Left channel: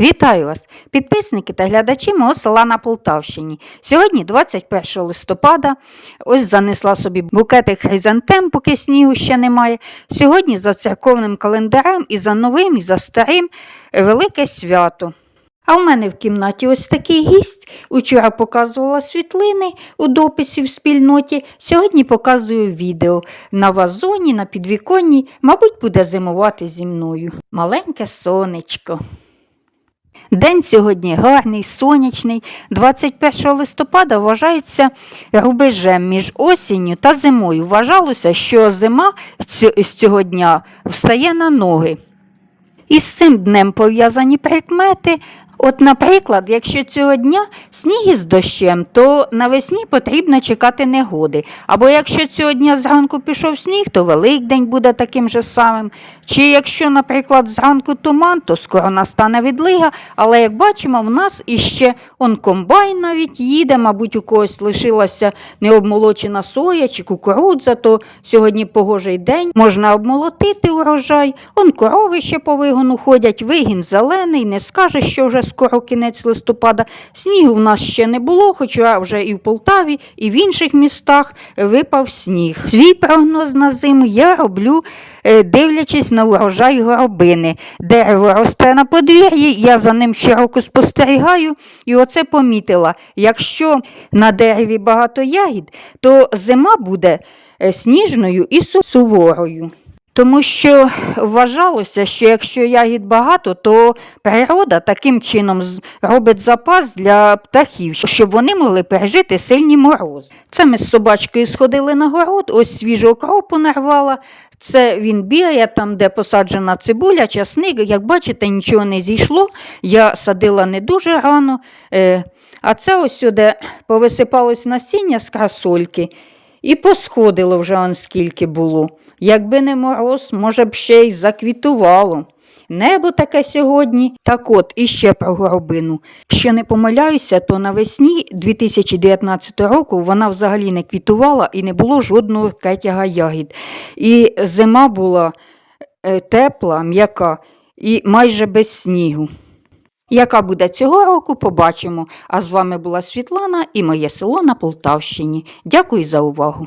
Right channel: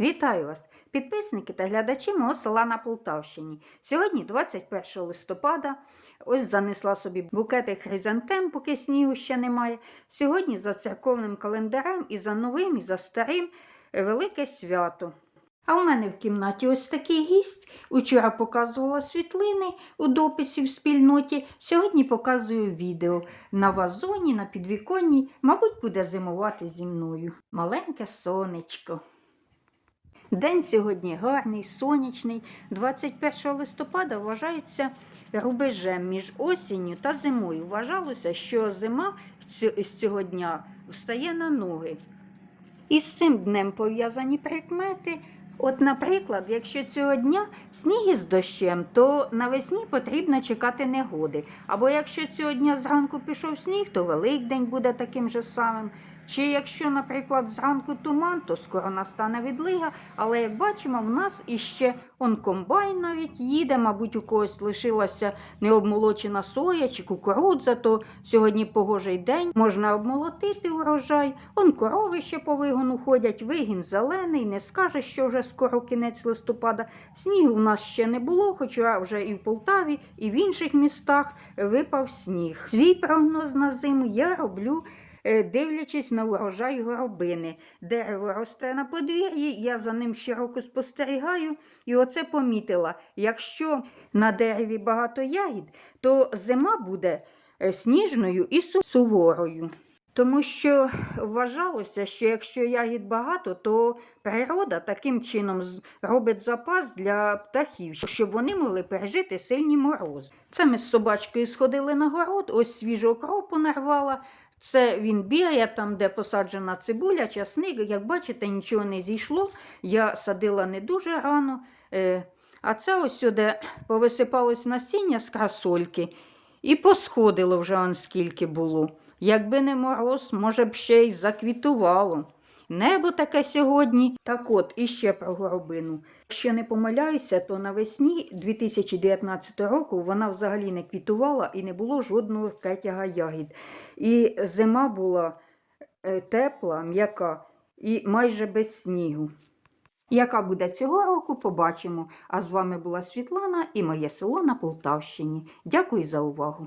Вітаю вас, підписники та глядачі мого села на Полтавщині. Сьогодні, 21 листопада, ось занесла собі букетик хризантем, поки снігу ще немає. Сьогодні за церковним календарем і за новим, і за старим велике свято. А в мене в кімнаті ось такий гість. Учора показувала світлини у дописі в спільноті. Сьогодні показую відео на вазоні, на підвіконні. Мабуть, буде зимувати зі мною. Маленьке сонечко. День сьогодні гарний, сонячний. 21 листопада вважається рубежем між осінню та зимою. Вважалося, що зима з цього дня встає на ноги. І з цим днем пов'язані прикмети. От, наприклад, якщо цього дня сніг із дощем, то навесні потрібно чекати негоди. Або якщо цього дня зранку пішов сніг, то Великдень буде таким же самим. Чи якщо, наприклад, зранку туман, то скоро настане відлига. Але як бачимо, в нас іще он комбайн навіть їде, мабуть, у когось лишилася необмолочена соя чи кукурудза, то сьогодні погожий день, можна обмолотити урожай. Он корови ще по вигону ходять, вигін зелений, не скаже, що вже скоро кінець листопада. Снігу в нас ще не було, хоча вже і в Полтаві, і в інших містах випав сніг. Свій прогноз на зиму я роблю. е, Дивлячись на урожай горобини. Дерево росте на подвір'ї, я за ним щороку спостерігаю і оце помітила. Якщо на дереві багато ягід, то зима буде е, сніжною і суворою. Тому що вважалося, що якщо ягід багато, то природа таким чином робить запас для птахів, щоб вони могли пережити сильні морози. Це ми з собачкою сходили на город, ось свіжу окропу нарвала. Це він бігає там, де посаджена цибуля, часник. Як бачите, нічого не зійшло. Я садила не дуже рано. Е, а це ось сюди повисипалось насіння з красольки і посходило вже он скільки було. Якби не мороз, може б ще й заквітувало. Небо таке сьогодні. Так от, іще про горобину. Якщо не помиляюся, то навесні 2019 року вона взагалі не квітувала і не було жодного кетяга ягід. І зима була е, тепла, м'яка і майже без снігу. Яка буде цього року, побачимо. А з вами була Світлана і моє село на Полтавщині. Дякую за увагу.